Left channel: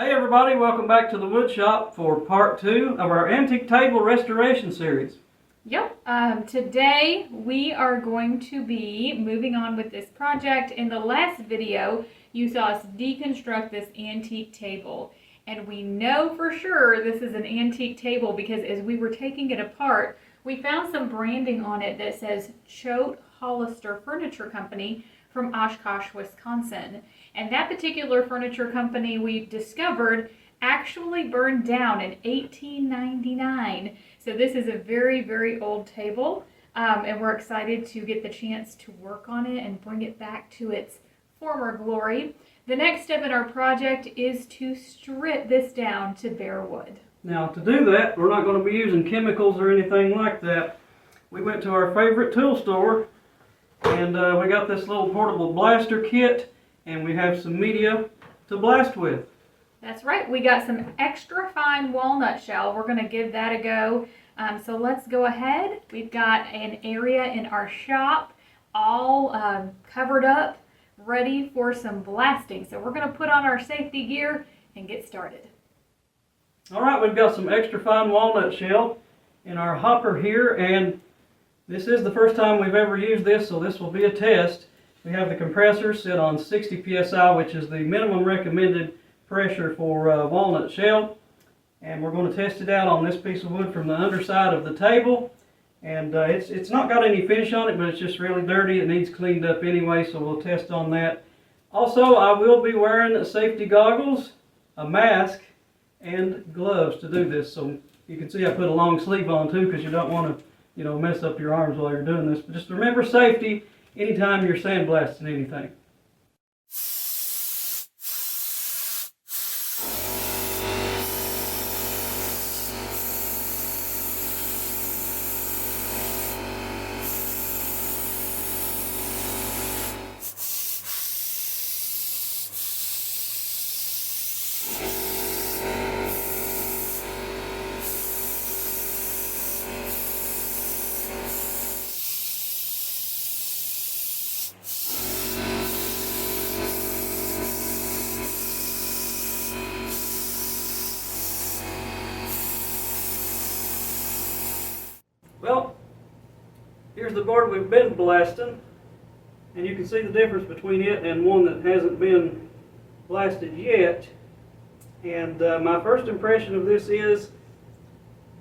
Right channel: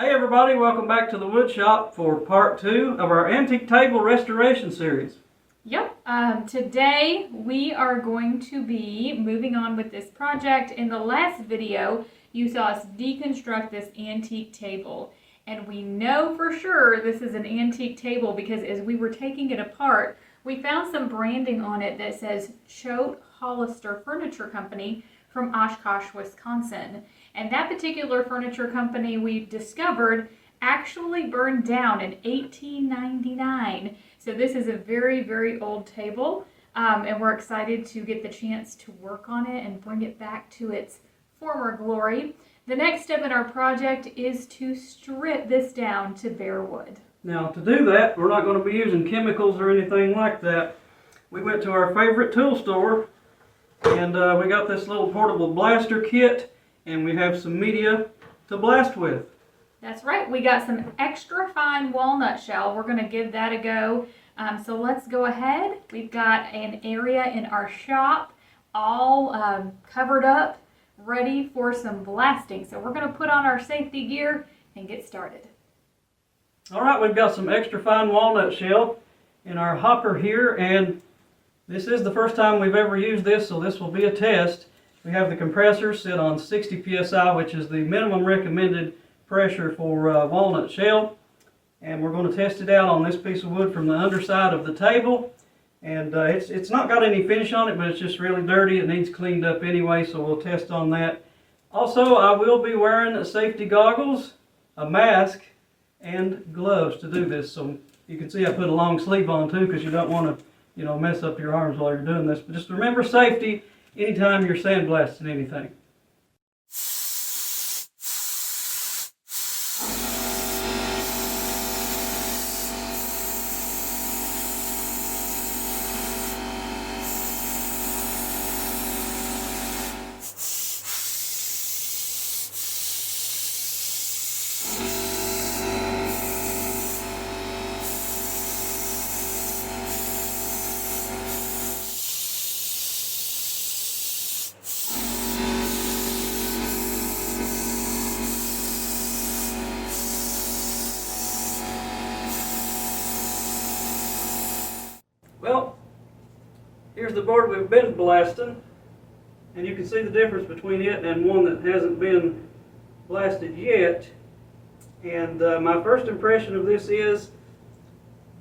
Hey everybody, welcome back to the wood shop for part 2 of our antique table restoration series. Yep, today we are going to be moving on with this project. In the last video, you saw us deconstruct this antique table. And we know for sure this is an antique table because as we were taking it apart, we found some branding on it that says Choate-Hollister Furniture Company from Oshkosh, Wisconsin. And that particular furniture company we discovered actually burned down in 1899. So this is a very, very old table, and we're excited to get the chance to work on it and bring it back to its former glory. The next step in our project is to strip this down to bare wood. Now to do that, we're not going to be using chemicals or anything like that. We went to our favorite tool store and we got this little portable blaster kit, and we have some media to blast with. That's right, we got some extra fine walnut shell. We're going to give that a go. So let's go ahead. We've got an area in our shop all covered up, ready for some blasting. So we're going to put on our safety gear and get started. Alright, we've got some extra fine walnut shell in our hopper here, and this is the first time we've ever used this, so this will be a test. We have the compressor set on 60 psi, which is the minimum recommended pressure for walnut shell. And we're going to test it out on this piece of wood from the underside of the table. And it's not got any finish on it, but it's just really dirty. It needs cleaned up anyway, so we'll test on that. Also, I will be wearing safety goggles, a mask, and gloves to do this. So you can see I put a long sleeve on too, because you don't want to mess up your arms while you're doing this. But just remember safety anytime you're sandblasting anything. Well, here's the board we've been blasting, and you can see the difference between it and one that hasn't been blasted yet. And my first impression of this is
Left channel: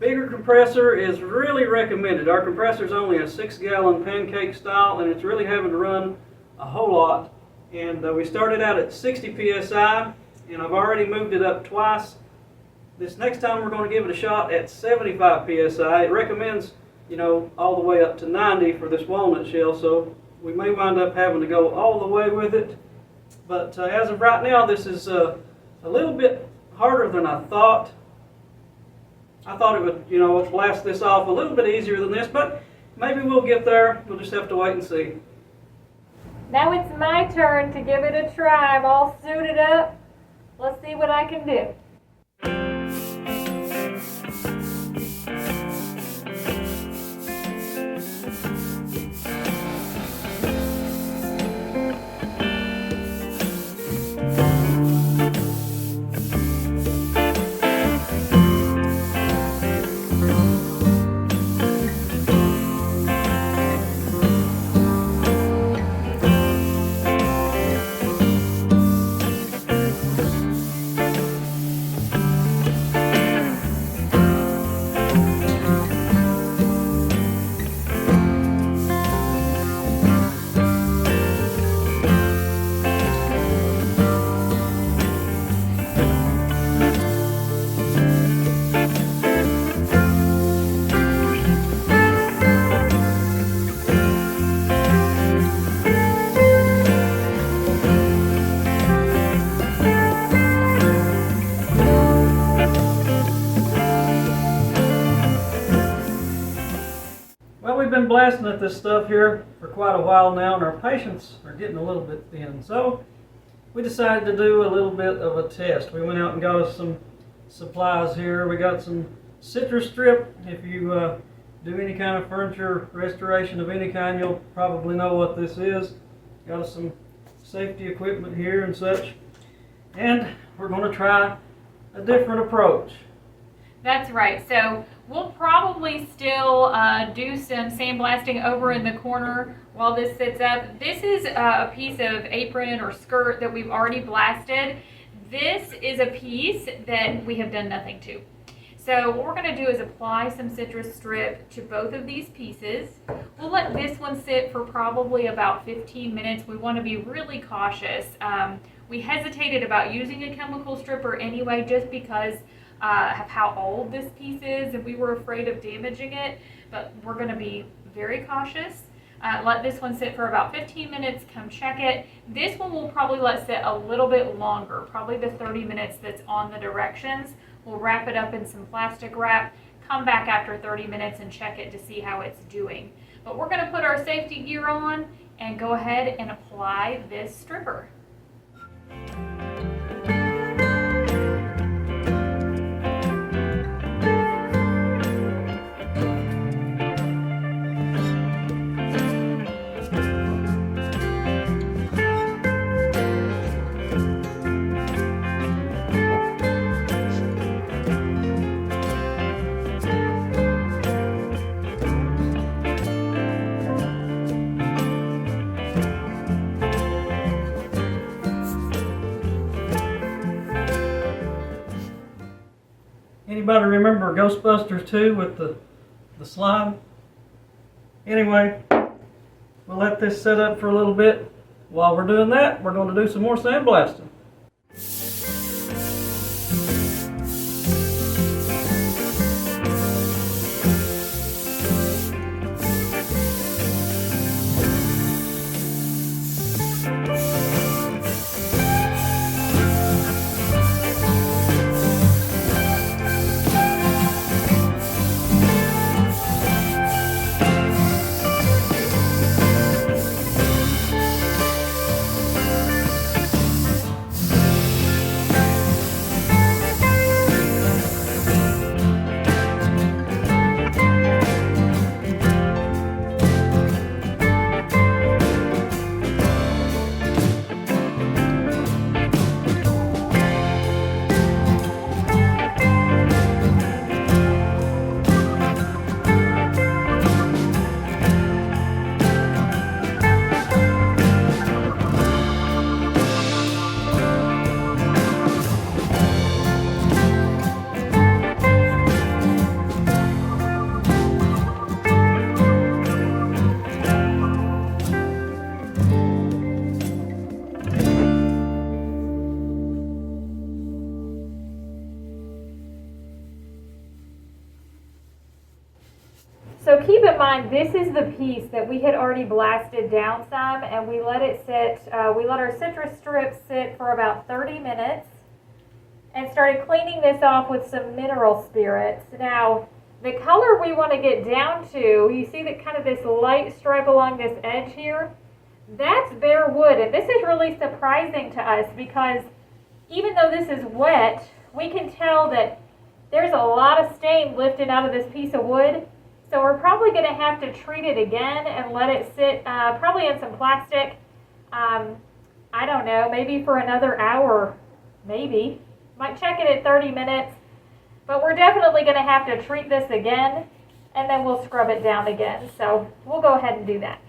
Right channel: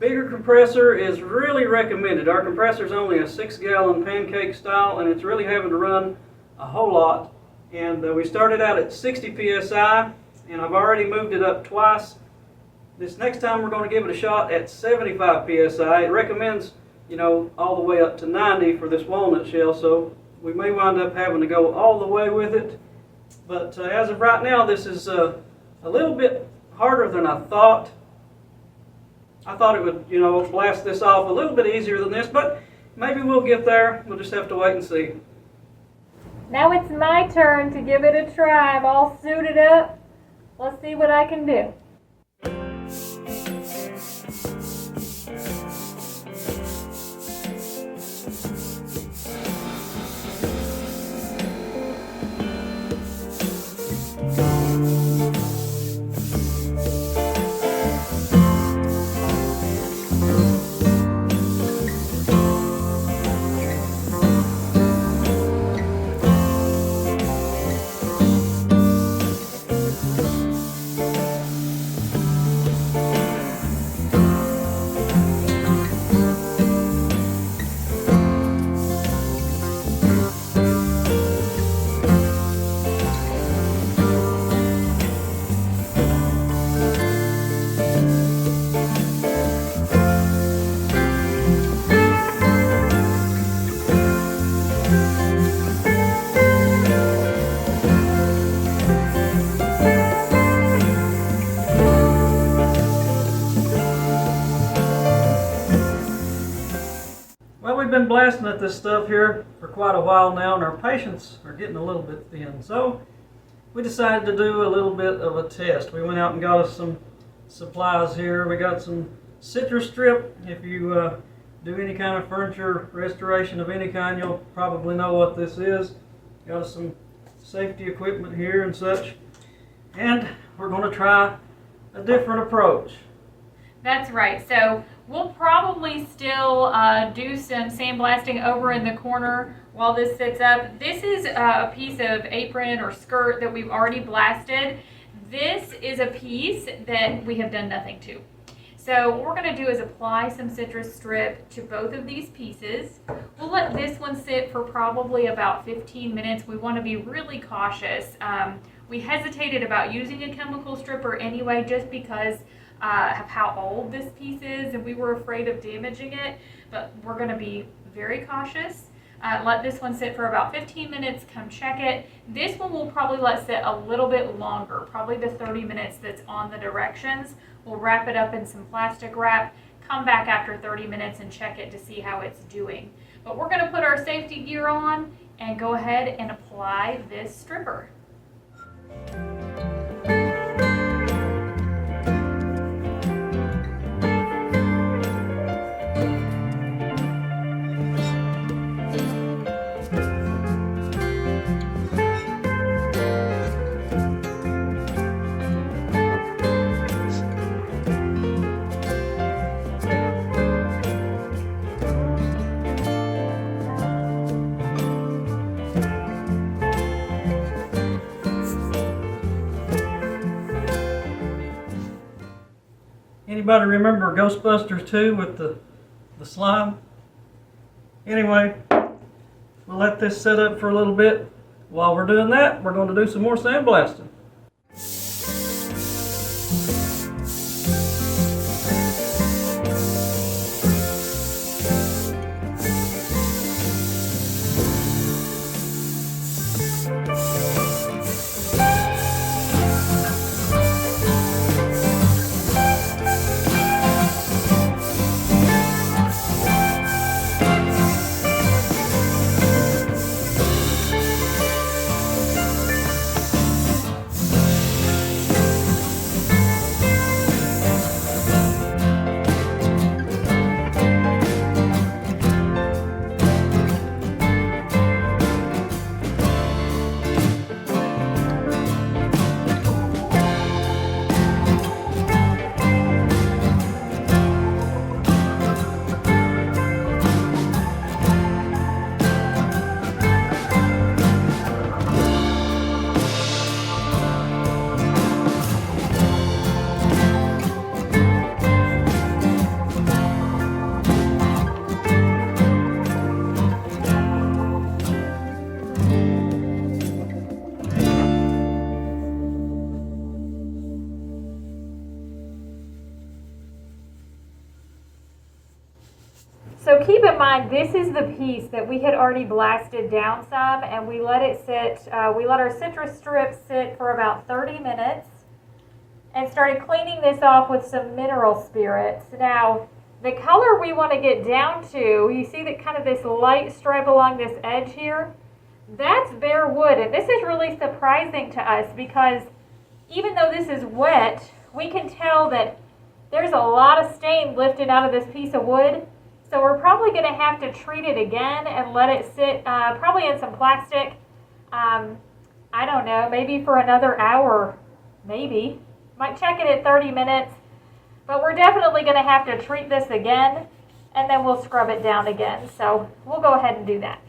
bigger compressor is really recommended. Our compressor is only a 6-gallon pancake style, and it's really having to run a whole lot. And we started out at 60 psi, and I've already moved it up twice. This next time we're going to give it a shot at 75 psi. It recommends all the way up to 90 for this walnut shell, so we may wind up having to go all the way with it. But as of right now, this is a little bit harder than I thought. I thought it would, blast this off a little bit easier than this, but maybe we'll get there. We'll just have to wait and see. Now it's my turn to give it a try. I'm all suited up. Let's see what I can do. We've been blasting at this stuff here for quite a while now, and our patience are getting a little bit thin. So we decided to do a little bit of a test. We went out and got us some supplies here. We got some Citristrip. If you do any kind of furniture restoration of any kind, you'll probably know what this is. Got us some safety equipment here and such. And we're going to try a different approach. That's right. So we'll probably still do some sandblasting over in the corner while this sits up. This is a piece of apron or skirt that we've already blasted. This is a piece that we have done nothing to. So what we're going to do is apply some Citristrip to both of these pieces. We'll let this one sit for probably about 15 minutes. We want to be really cautious. We hesitated about using a chemical stripper anyway just because of how old this piece is, and we were afraid of damaging it, but we're going to be very cautious. Let this one sit for about 15 minutes, come check it. This one we'll probably let sit a little bit longer, probably the 30 minutes that's on the directions. We'll wrap it up in some plastic wrap, come back after 30 minutes and check it to see how it's doing. But we're going to put our safety gear on and go ahead and apply this stripper. Anybody remember Ghostbusters 2 with the slime? Anyway, we'll let this set up for a little bit. While we're doing that, we're going to do some more sandblasting. So keep in mind, this is the piece that we had already blasted down some, and we let it sit, we let our Citristrip sit for about 30 minutes and started cleaning this off with some mineral spirits. Now, the color we want to get down to, you see that kind of this light stripe along this edge here? That's bare wood, and this is really surprising to us because even though this is wet, we can tell that there's a lot of stain lifted out of this piece of wood. So we're probably going to have to treat it again and let it sit probably in some plastic, I don't know, maybe for another hour, maybe. Might check it at 30 minutes, but we're definitely going to have to treat this again, and then we'll scrub it down again. So we'll go ahead and do that.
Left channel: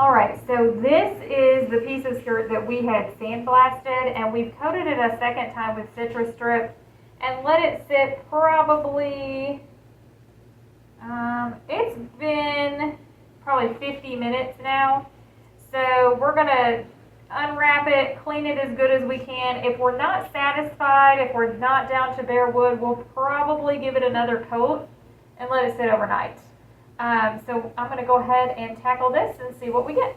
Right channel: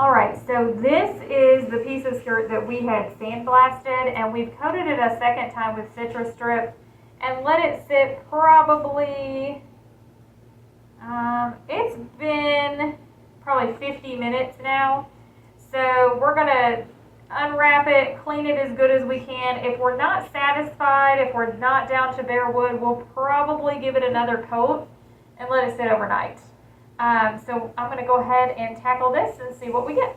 All right, so this is the piece of skirt that we had sandblasted, and we've coated it a second time with Citristrip and let it sit probably, it's been probably 50 minutes now. So we're gonna unwrap it, clean it as good as we can. If we're not satisfied, if we're not down to bare wood, we'll probably give it another coat and let it sit overnight. So I'm going to go ahead and tackle this and see what we get.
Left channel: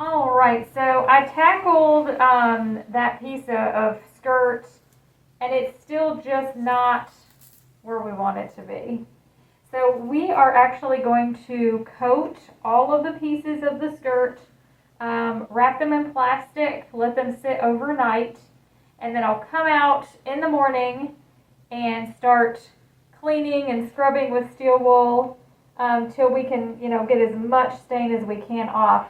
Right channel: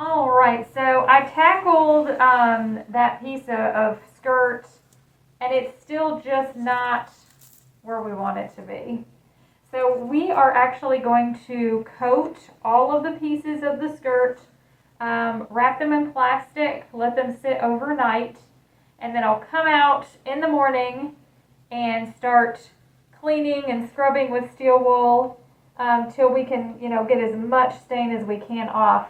All right, so I tackled that piece of skirt, and it's still just not where we want it to be. So we are actually going to coat all of the pieces of the skirt, wrap them in plastic, let them sit overnight, and then I'll come out in the morning and start cleaning and scrubbing with steel wool till we can, get as much stain as we can off.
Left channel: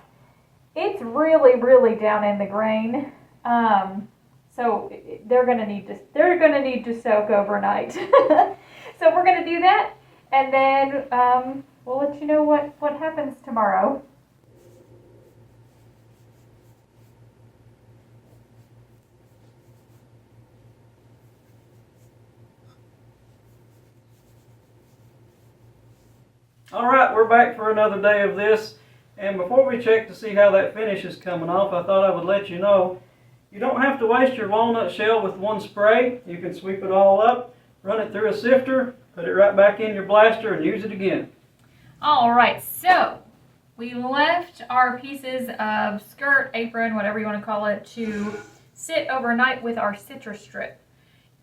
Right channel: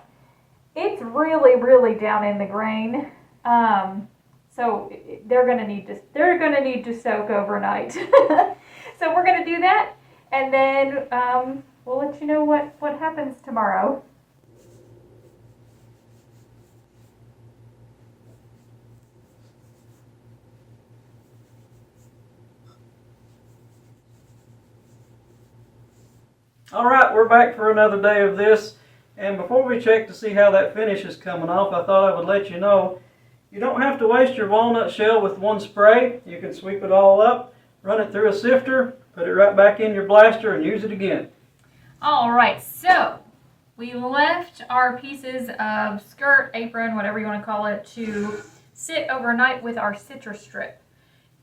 It's really, really down in the grain, so they're gonna need to soak overnight. So we're gonna do that, and then we'll let you know what happens tomorrow. All right, we're back for another day of this. And before we check to see how that finish is coming off, I thought I would let you know, you don't have to waste your walnut shell with one spray. You can sweep it all up, run it through a sifter, put it right back in your blaster and use it again. All right, so we left our pieces of skirt, apron, whatever you want to call it, to sit overnight with our Citristrip.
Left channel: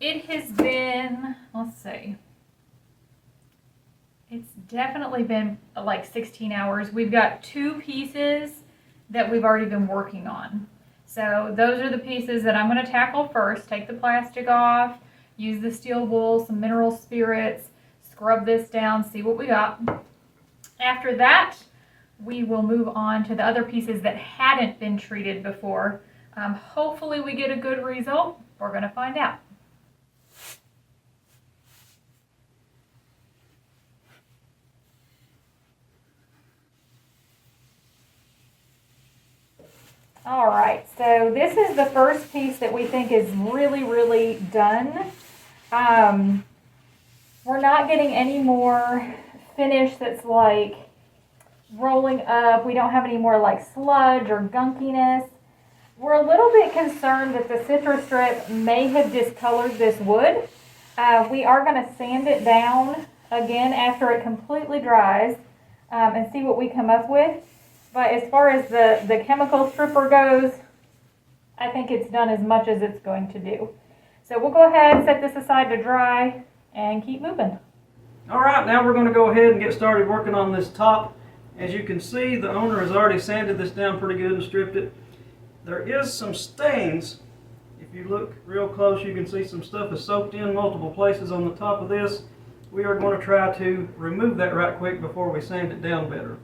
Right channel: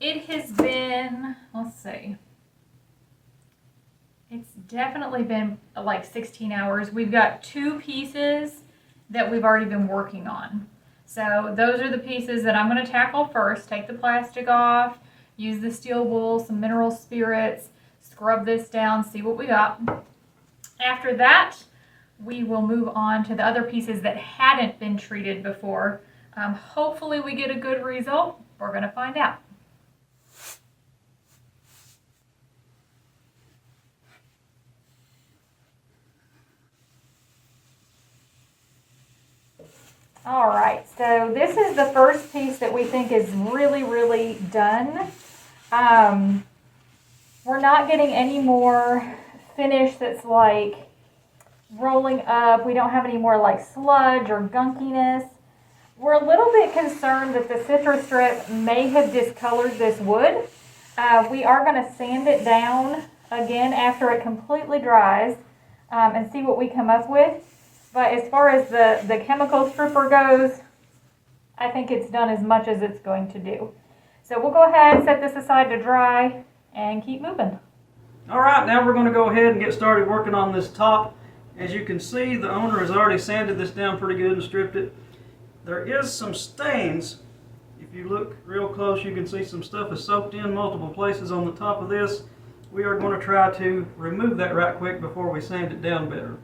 It has been, let's see, it's definitely been like 16 hours. We've got 2 pieces that we've already been working on. So those are the pieces that I'm going to tackle first. Take the plastic off, use the steel wool, some mineral spirits, scrub this down, see what we got. After that, we will move on to the other pieces that hadn't been treated before. Hopefully we get a good result. We're going to find out. All right, so this is the first piece that we think is really, really done. We're not getting any more finish that's like rolling up. We don't have any more like sludge or gunkiness. We're a little bit concerned that the Citristrip may have discolored this wood. We are going to sand it down again after it completely dries and see what we come up with. But as far as the chemical stripper goes, I think it's done as much as it's going to do. So we'll go ahead and set this aside to dry and keep moving. All right, now we're going to go ahead and get started working on this top. As you can see, the owner has already sanded this down pretty good and stripped it. There is some stains. If you look real close, you can see some stuff is soaked in multiple places on the top of this. We are going to try to remove that right quick before we sand it down better.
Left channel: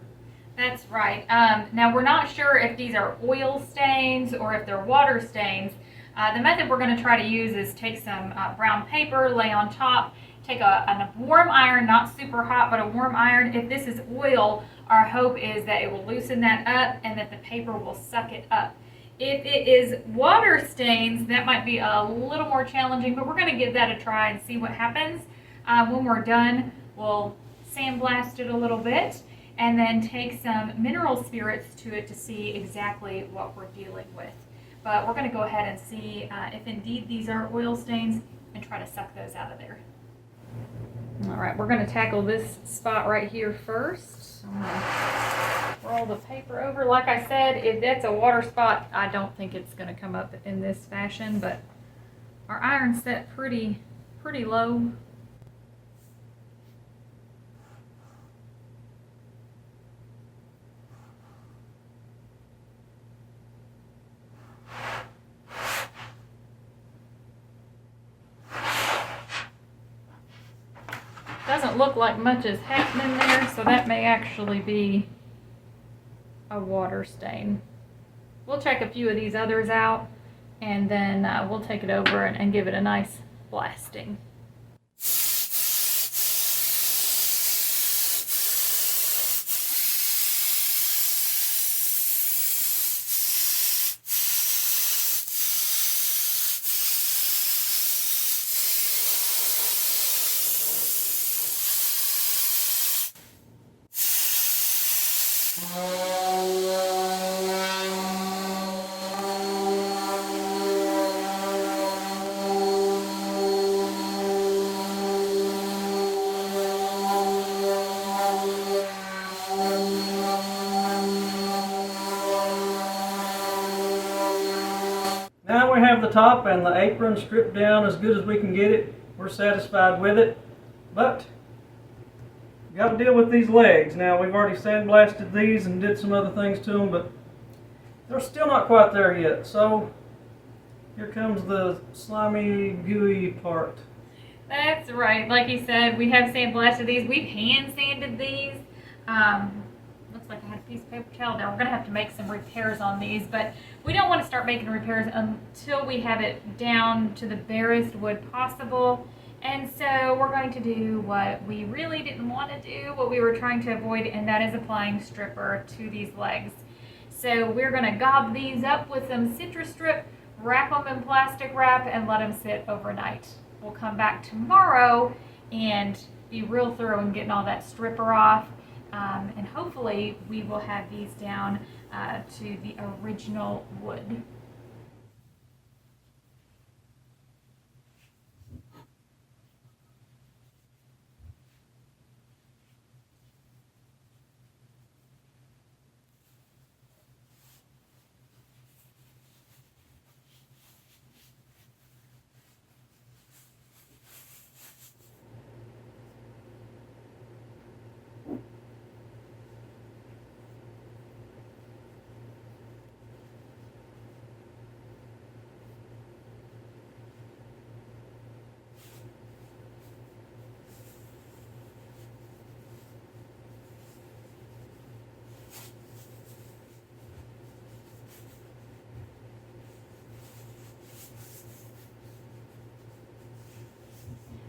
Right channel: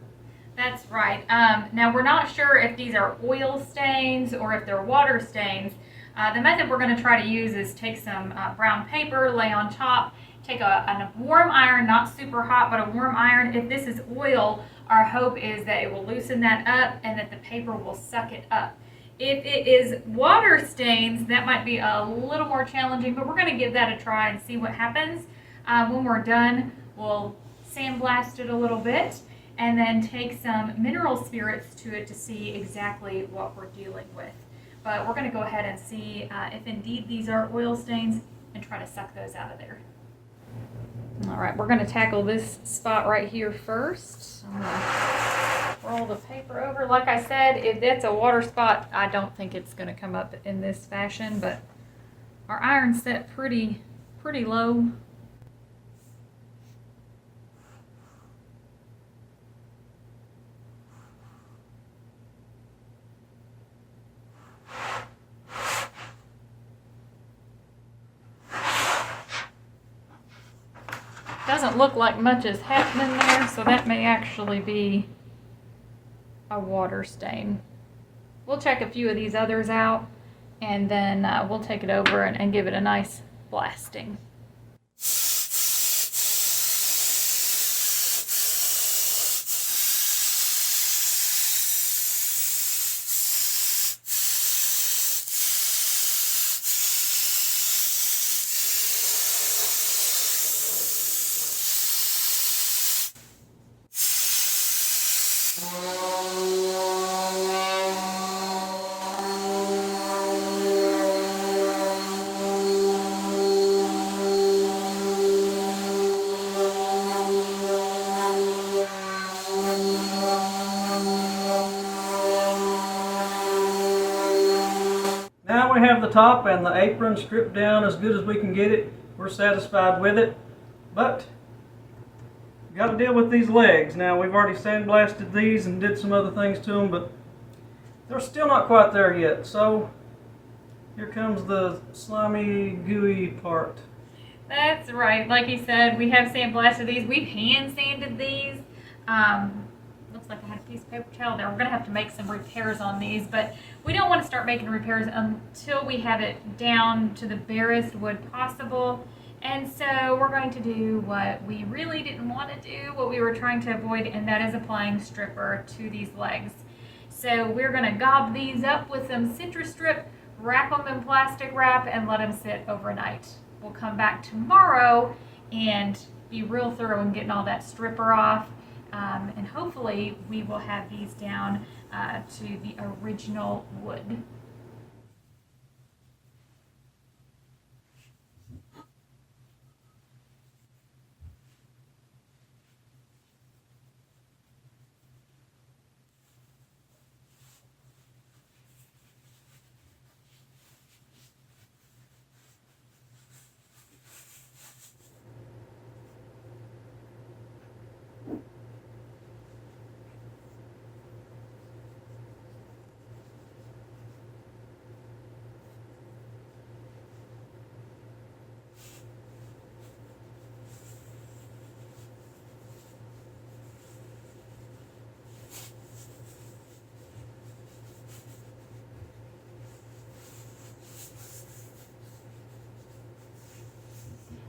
That's right. Now we're not sure if these are oil stains or if they're water stains. The method we're going to try to use is take some brown paper, lay on top, take a warm iron, not super hot, but a warm iron. If this is oil, our hope is that it will loosen that up and that the paper will suck it up. If it is water stains, that might be a little more challenging, but we're going to give that a try and see what happens. When we're done, we'll sandblast it a little bit and then take some mineral spirits to it to see exactly what we're dealing with. But we're going to go ahead and see if indeed these are oil stains and try to suck those out of there. All right, we're going to tackle this spot right here first. I'm going to roll the paper over. Like I said, if that's a water spot, I don't think it's going to come up in this fashion, but our iron's set pretty low. Doesn't look like much is happening there, so that may actually be a water stain. We'll check a few of these others out, and then we'll take it over and give it a nice blasting. Now we have the top and the apron stripped down as good as we can get it. We're satisfied with it, but we got to deal with these legs. Now we've already sandblasted these and did some other things to them, but they're still not quite there yet. So here comes the slimy, gooey part. That's right. Like you said, we have sandblasted these. We've hand sanded these. Looks like I had a piece of paper towel there. We're going to have to make some repairs on these, but we don't want to start making repairs until we have it down to the barest wood possible. And so we're going to do what we really didn't want to do, what we were trying to avoid, and that is applying stripper to these legs. So we're going to gob these up with some Citristrip, wrap them in plastic wrap, and let them sit overnight. We'll come back tomorrow and be real thorough in getting all that stripper off. And hopefully we will have these down to the original wood.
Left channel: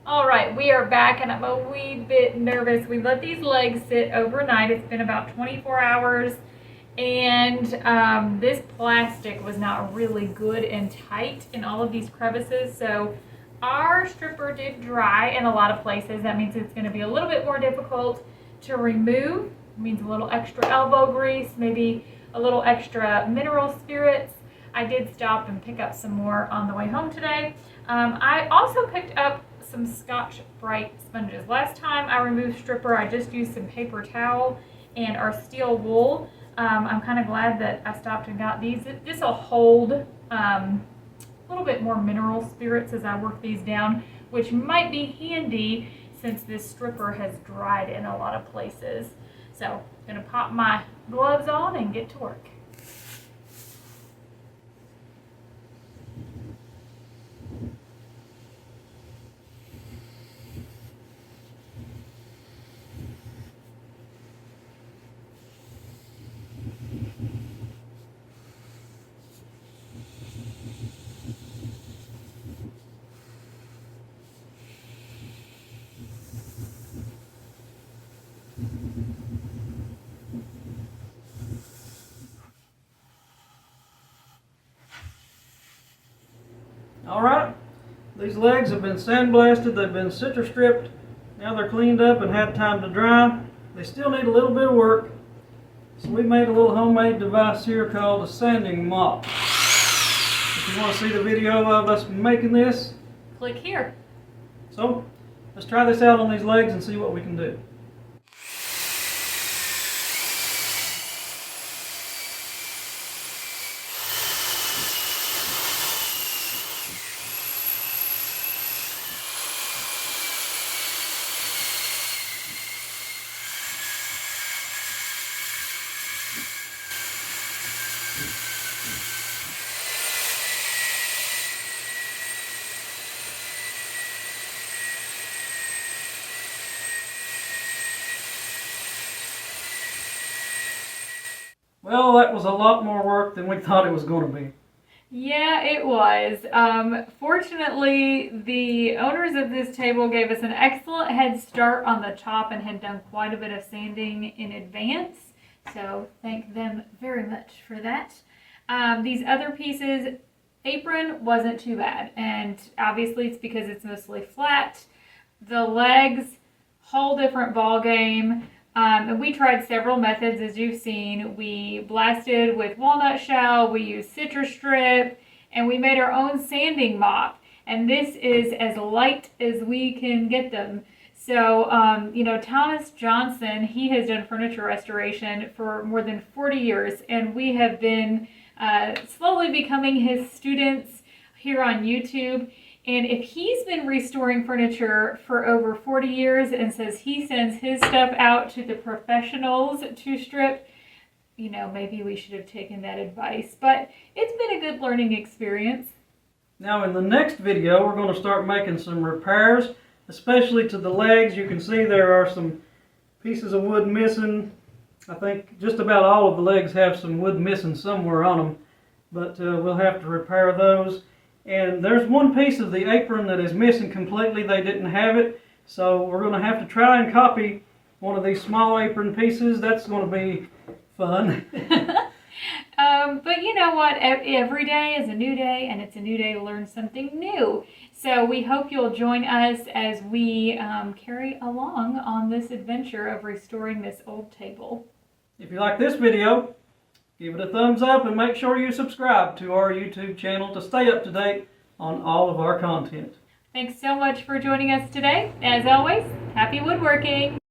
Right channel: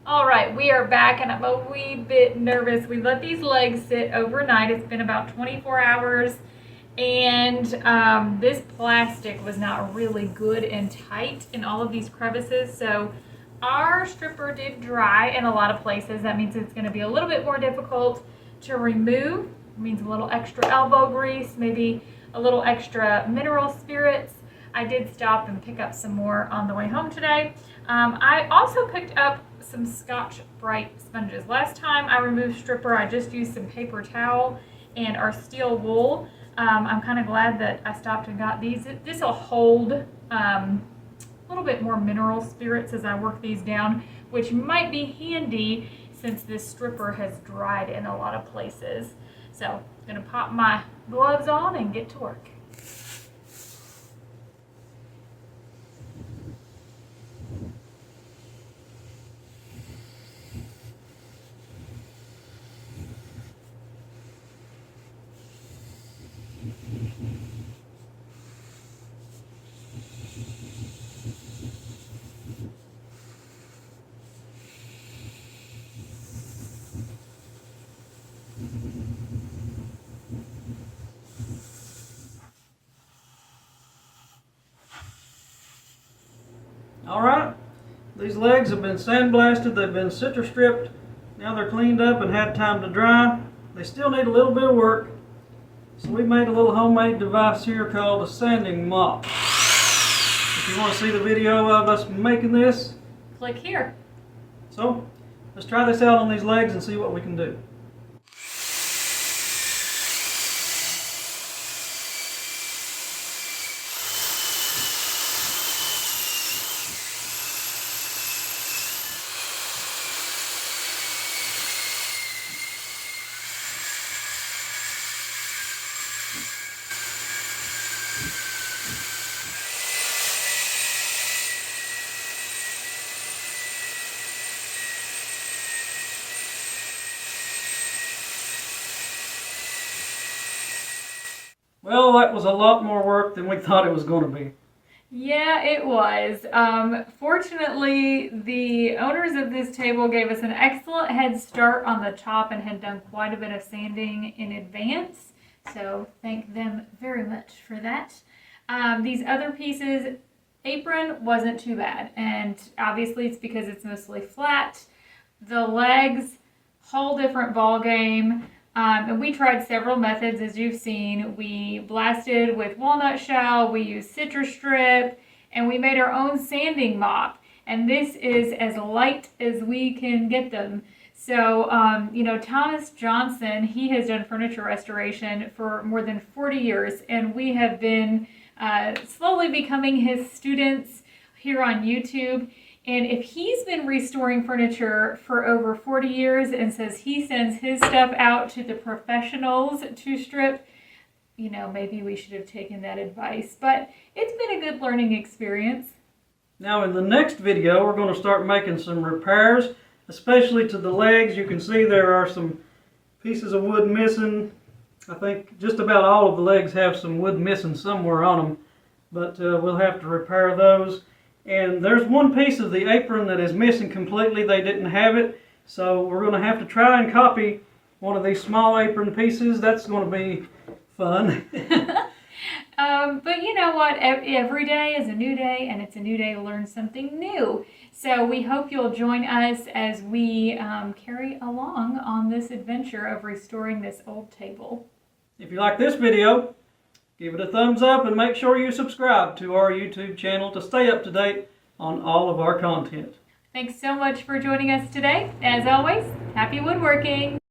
All right, we are back and I'm a wee bit nervous. We let these legs sit overnight. It's been about 24 hours and this plastic was not really good and tight in all of these crevices. So our stripper did dry in a lot of places. That means it's going to be a little bit more difficult to remove. It means a little extra elbow grease, maybe a little extra mineral spirits. I did stop and pick up some more on the way home today. I also picked up some Scotch-Brite sponges. Last time I removed stripper, I just used some paper towel and our steel wool. I'm kind of glad that I stopped and got these. This will hold a little bit more mineral spirits as I work these down, which might be handy since this stripper has dried in a lot of places. So I'm gonna pop my gloves on and get to work. All right, these legs have been sandblasted, they've been Citristripped. Now they're cleaned up and had time to dry. They still need a little bit of work. So we made a little homemade device here called a sanding mop. If you want to see the video of us making this, Click here. so let's try this out on these legs and see what we can do. Well, that was a lot more work than we thought it was going to be. Yeah, it was. Fortunately, the owners of this table gave us an excellent head start on the top and had done quite a bit of sanding in advance. So thank them very much for that. These other pieces, apron wasn't too bad. And obviously it's because it's mostly flat. The legs, whole different ball game. And we tried several methods, as you've seen. We blasted with walnut shell, we used Citristrip, and we made our own sanding mop. And this is as light as we can get them. So, Thomas Johnson, he has done furniture restoration for more than 40 years, and we have been slowly becoming his students here on YouTube. And if he's been restoring furniture for over 40 years and says he sends his stuff out to the professionals to strip, maybe we should have taken that advice. But it's been a good learning experience. Now in the next video, we're going to start making some repairs, especially to the legs. You can see there are some pieces of wood missing. I think just about all of the legs have some wood missing somewhere on them, but we'll have to repair those. And there's one piece of the apron that is missing completely. They didn't have it, so we're going to have to try and copy one of these small apron pieces. That's going to be fun. But you know what? Every day is a new day, and it's a new day to learn something new. So we hope you'll join us as we carry along on this adventure of restoring this old table. If you like this video, give it a thumbs up and make sure you subscribe to our YouTube channel to stay up to date on all of our content. Thanks so much for joining us today. As always, happy woodworking!